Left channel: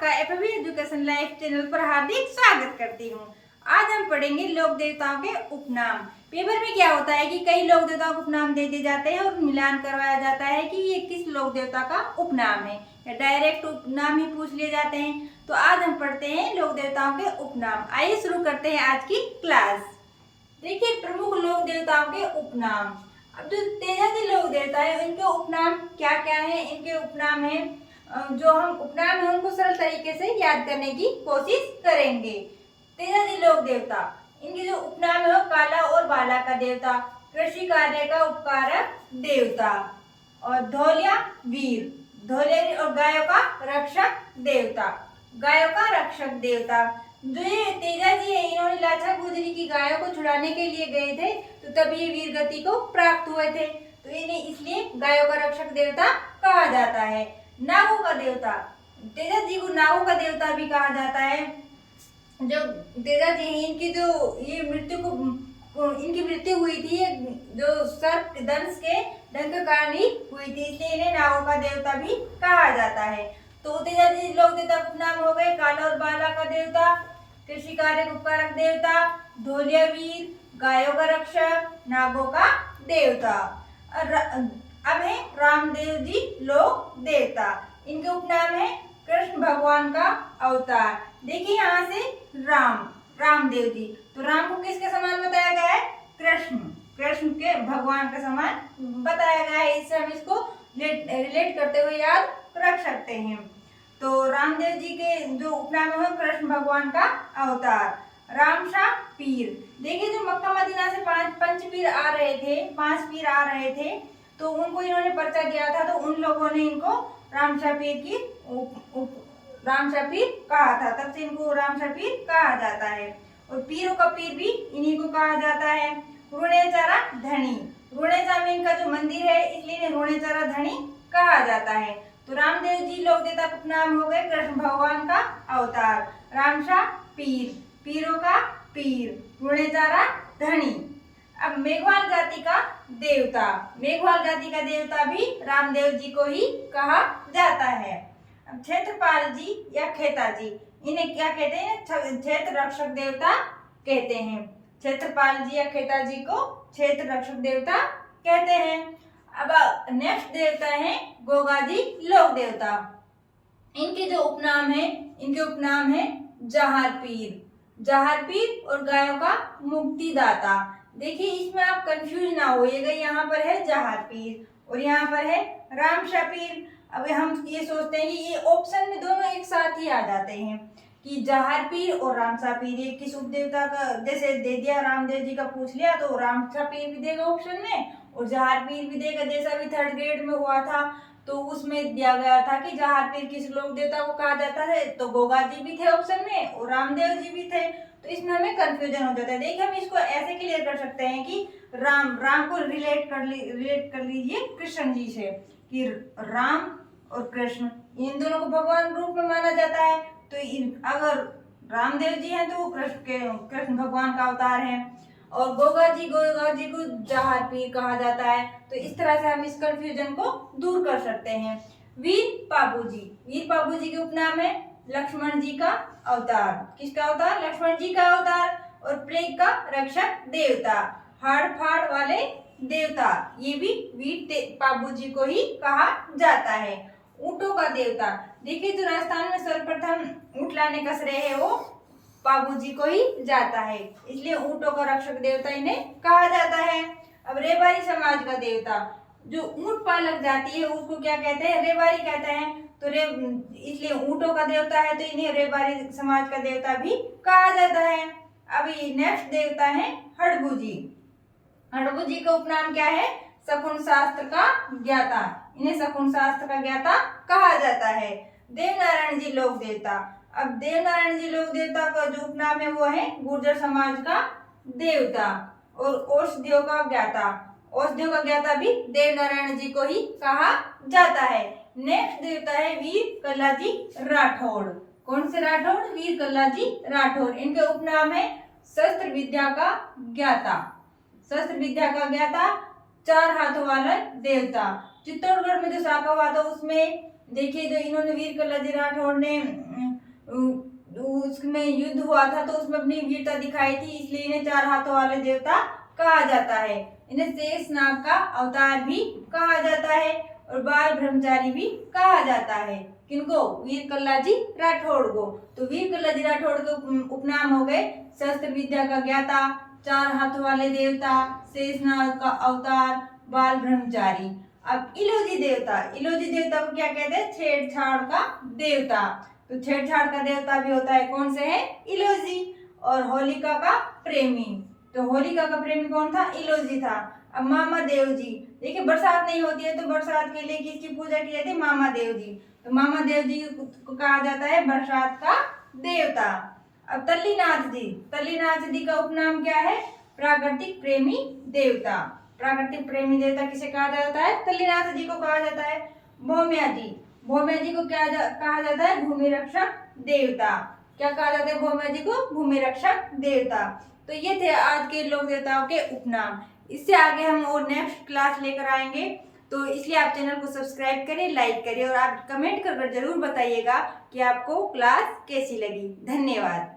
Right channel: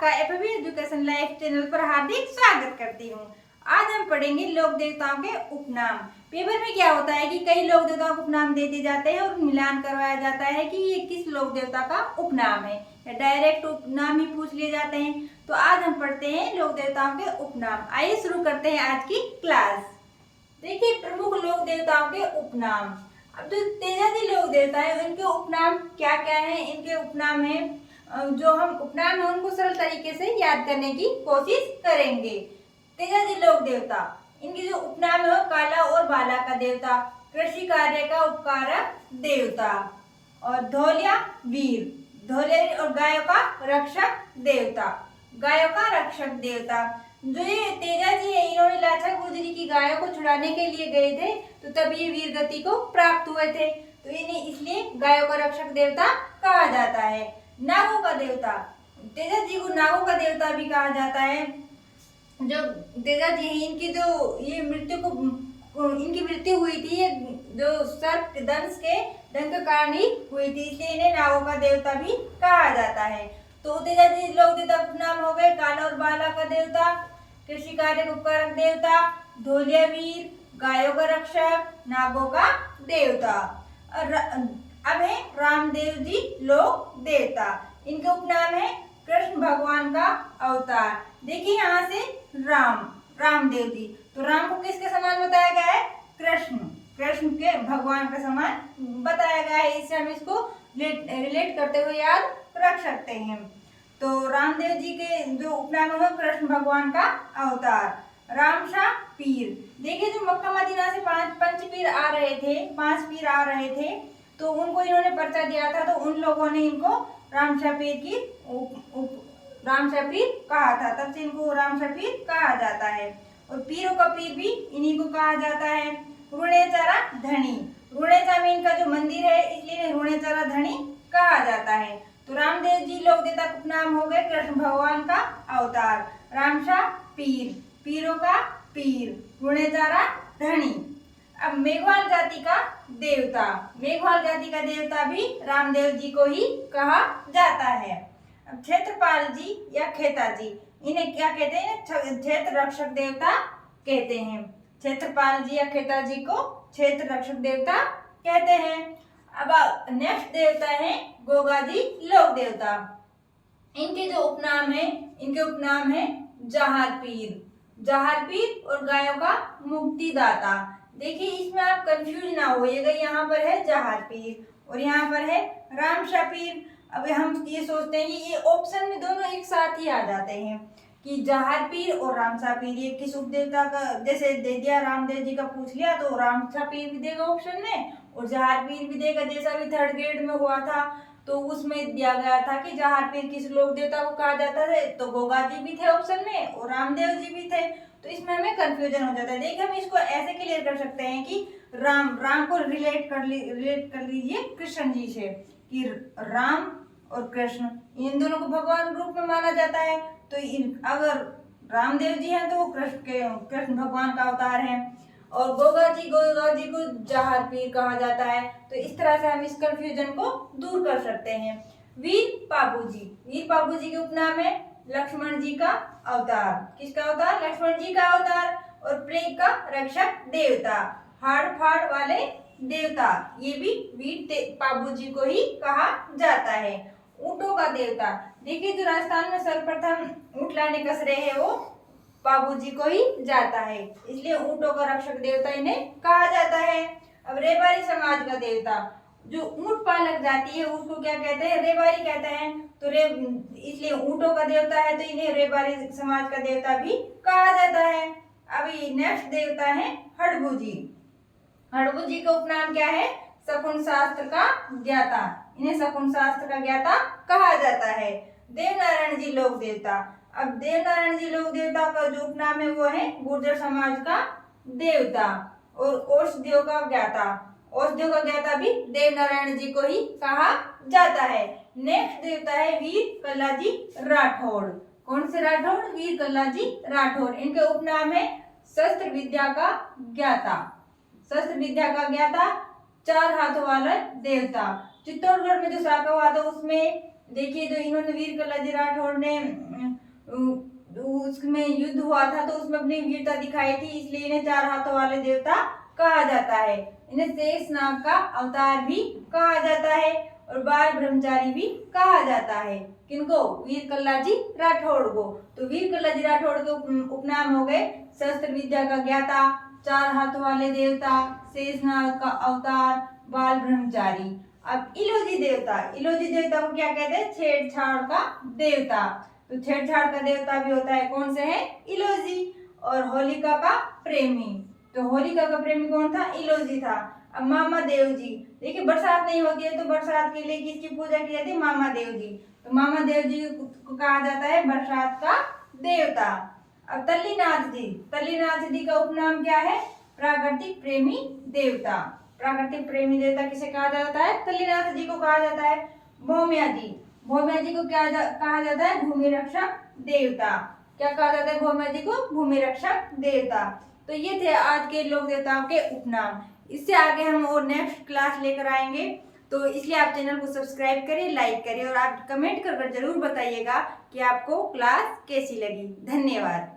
आपका FB education life channel पर हार्दिक स्वागत करती हूँ। आज हम पढ़ेंगे लोक देवताओं के उपनाम। पेपर में क्या होता है कि कई लोक देवताओं को उपनाम दे दिए जाते हैं और मिलान करवाया जाता है कि ये किस लोक देवता का उपनाम है, या डायरेक्ट उपनाम ही पूछ लिए जाते हैं। तो आज हम पढ़ते हैं लोक देवताओं के उपनाम। आइए शुरू करते हैं आज की क्लास। देखिए, प्रमुख लोक देवताओं के उपनाम। अब जो तेजाजी लोक देवता है इनके उपनाम क्या क्या है। इनके उपनाम है, जो हम उपनाम है उनको सरल तरीके से याद करने की कोशिश करेंगे। तेजाजी लोक देवता, इनके जो उपनाम है काला और बाला का देवता, कृषि कार्य का उपकारक देवता, और धौलिया वीर, धौलिया और गायों का रक्षक देवता, गायों का रक्षक देवता। जो ये तेजाजी है इन्होंने लाचा गुजरी की गायों को छुड़ाने के लिए गए थे, तो तब ये वीर गति को प्राप्त हुए थे, तो इन्हें इसलिए गायों का रक्षक देवता कहा जाता है। नागों का देवता, तेजाजी को नागों का देवता भी कहा जाता है। जो तेजाजी है इनकी जो ये इनकी मृत्यु हुई थी, ये जो सर्प दंश के डंक के कारण ही हुई थी, इसलिए इन्हें नागों का देवता भी कहा जाता है। तो तेजाजी लोक देवता नाम हो गए काला और बाला का देवता, कृषि कार्य उपकारक देवता, धौलिया वीर, गायों का रक्षक, नागों का देवता। अब है रामदेव जी लोक देवता। इनके उपनाम है कृष्ण भगवान का अवतार। देखिए यहाँ से रामदेव जी, तो राम को किसके समान बताया गया है? कृष्ण के भगवान के समान बताया गया है। इससे हम इसको रिलेट करते हुए याद रख सकते हैं। तो रामदेव जी के जो उपनाम है कृष्ण भगवान का अवतार। रामशाह पीर, देखिए जो मक्का मदीना से पांच पीर आ रहे थे, तो उनको इन्होंने पर्चा दिया था, तो उन लोगों ने इनको रामशाह पीर कहा था, तब से इनको रामशाह पीर कहा जाता है। और पीरों का पीर भी इन्हीं को कहा जाता है। रुणेचारा धनी, रुणेचा में इनका जो मंदिर है इसलिए इन्हें रुणेचारा धनी कहा जाता है। तो रामदेव जी लोक देवता का उपनाम हो गए कृष्ण भगवान का अवतार, रामशाह पीर, पीरों का पीर, रुणेचारा धनी। अब मेघवाल जाति का देवता, मेघवाल जाति का देवता भी रामदेव जी को ही कहा जाता है। अब क्षेत्रपाल जी या खेताजी, इन्हें क्या कहते हैं? क्षेत्र रक्षक देवता कहते हैं। क्षेत्रपाल जी या खेताजी को क्षेत्र रक्षक देवता कहते हैं। अब नेक्स्ट देवता है गोगाजी लोक देवता। इनके जो उपनाम है जहार पीर और गायों का मुक्तिदाता। देखिए इसमें आप कंफ्यूज ना होइएगा, यहाँ पर है जहार पीर और यहाँ पर है रामशाह पीर। अब हम ये सोचते हैं कि ये ऑप्शन में दोनों एक साथ ही आ जाते हैं कि जहार पीर और रामशाह पीर, ये किस उपदेवता का, जैसे दे दिया रामदेव जी का पूछ लिया तो रामशाह पीर भी देगा ऑप्शन में और जहार पीर भी देगा। जैसा भी थर्ड ग्रेड में हुआ था तो उसमें दिया गया था कि जहार पीर किस लोक देवता को कहा जाता है, तो गोगा जी भी थे ऑप्शन में और रामदेव जी भी थे, तो इसमें हमें कंफ्यूजन हो जाता है। देखिए हम इसको ऐसे क्लियर कर सकते हैं कि राम को रिलेट कर लीजिए कृष्ण जी से, कि राम और कृष्ण इन दोनों को भगवान रूप में माना जाता है। तो अगर रामदेव जी हैं तो वो कृष्ण भगवान का अवतार है, और गोगा जी को जहार पीर कहा जाता है। तो इस तरह से हम इस कंफ्यूजन को दूर कर सकते हैं। वीर पाबू जी के उपनाम है लक्ष्मण जी का अवतार। किसका अवतार? लक्ष्मण जी का अवतार। और प्लेग का रक्षक देवता, हाड़ फाड़ वाले देवता, ये भी वीर पाबू जी को ही कहा जाता है। ऊंटों का देवता, देखिए जो राजस्थान में सर्वप्रथम ऊंट लाने का श्रेय है वो पाबू जी को ही जाता है, इसलिए ऊंटों का रक्षक देवता इन्हें कहा जाता है। अब रेवारी समाज का देवता, जो ऊंट पालक जाति है उसको क्या कहते हैं? रेवारी कहते हैं। तो इसलिए ऊंटों का देवता है तो इन्हें रेवारी समाज का देवता भी कहा जाता है। अभी नेक्स्ट देवता है हड़बू जी का उपनाम क्या है? शकुन शास्त्र का ज्ञाता, इन्हें शकुन शास्त्र का ज्ञाता कहा जाता है। देवनारायण जी लोक देवता, अब देवनारायण जी लोक देवता का जो उपनाम है वो है गुर्जर समाज का देवता। और औषधियों का ज्ञाता भी देवनारायण जी को ही कहा जाता है। नेक्स्ट देवता है वीर कल्लाजी राठौड़। कौन से राठौड़? वीर कल्लाजी राठौड़। इनके उपनाम है शस्त्र विद्या का ज्ञाता, चार हाथों वाला देवता। चित्तौड़गढ़ में जो शाखा हुआ था उसमें देखिए जो इन्होंने वीर कल्लाजी राठौड़ ने उसमें युद्ध हुआ था तो उसमें अपनी वीरता दिखाई थी, इसलिए इन्हें चार हाथों वाले देवता कहा जाता है। इन्हें शेषनाग का अवतार भी कहा जाता है और बाल ब्रह्मचारी भी कहा जाता है। किनको? वीर कल्लाजी राठौड़ को। तो वीर कल्लाजी राठौड़ के उपनाम हो गए शस्त्र विद्या का ज्ञाता, चार हाथों वाले देवता, शेषनाग का अवतार, बाल ब्रह्मचारी। अब इलोजी देवता को क्या कहते हैं? छेड़छाड़ का देवता। तो छेड़छाड़ का देवता भी होता है, कौन से है? इलोजी। और होलिका का प्रेमी, तो होलिका का प्रेमी कौन था? इलोजी था। अब मामा देव जी, देखिए बरसात नहीं होती है तो बरसात के लिए किसकी पूजा की जाती है? मामा देव जी। तो मामा देव जी को कहा जाता है बरसात का देवता। अब तल्लीनाथ जी का उपनाम क्या है? प्राकृतिक प्रेमी देवता। प्राकृतिक प्रेमी देवता किसे कहा जाता है? तल्लीनाथ जी को कहा जाता है। भौम्या जी को क्या कहा जाता है? भूमि रक्षक देवता। क्या कहा जाता है भौम्या जी को? भूमि रक्षक देवता। तो ये थे आज के लोक देवताओं के उपनाम। इससे आगे हम और नेक्स्ट क्लास लेकर आएंगे, तो इसलिए आप चैनल को सब्सक्राइब करिए, लाइक करिए और आप कमेंट कर जरूर बताइएगा कि आपको क्लास कैसी लगी। धन्यवाद।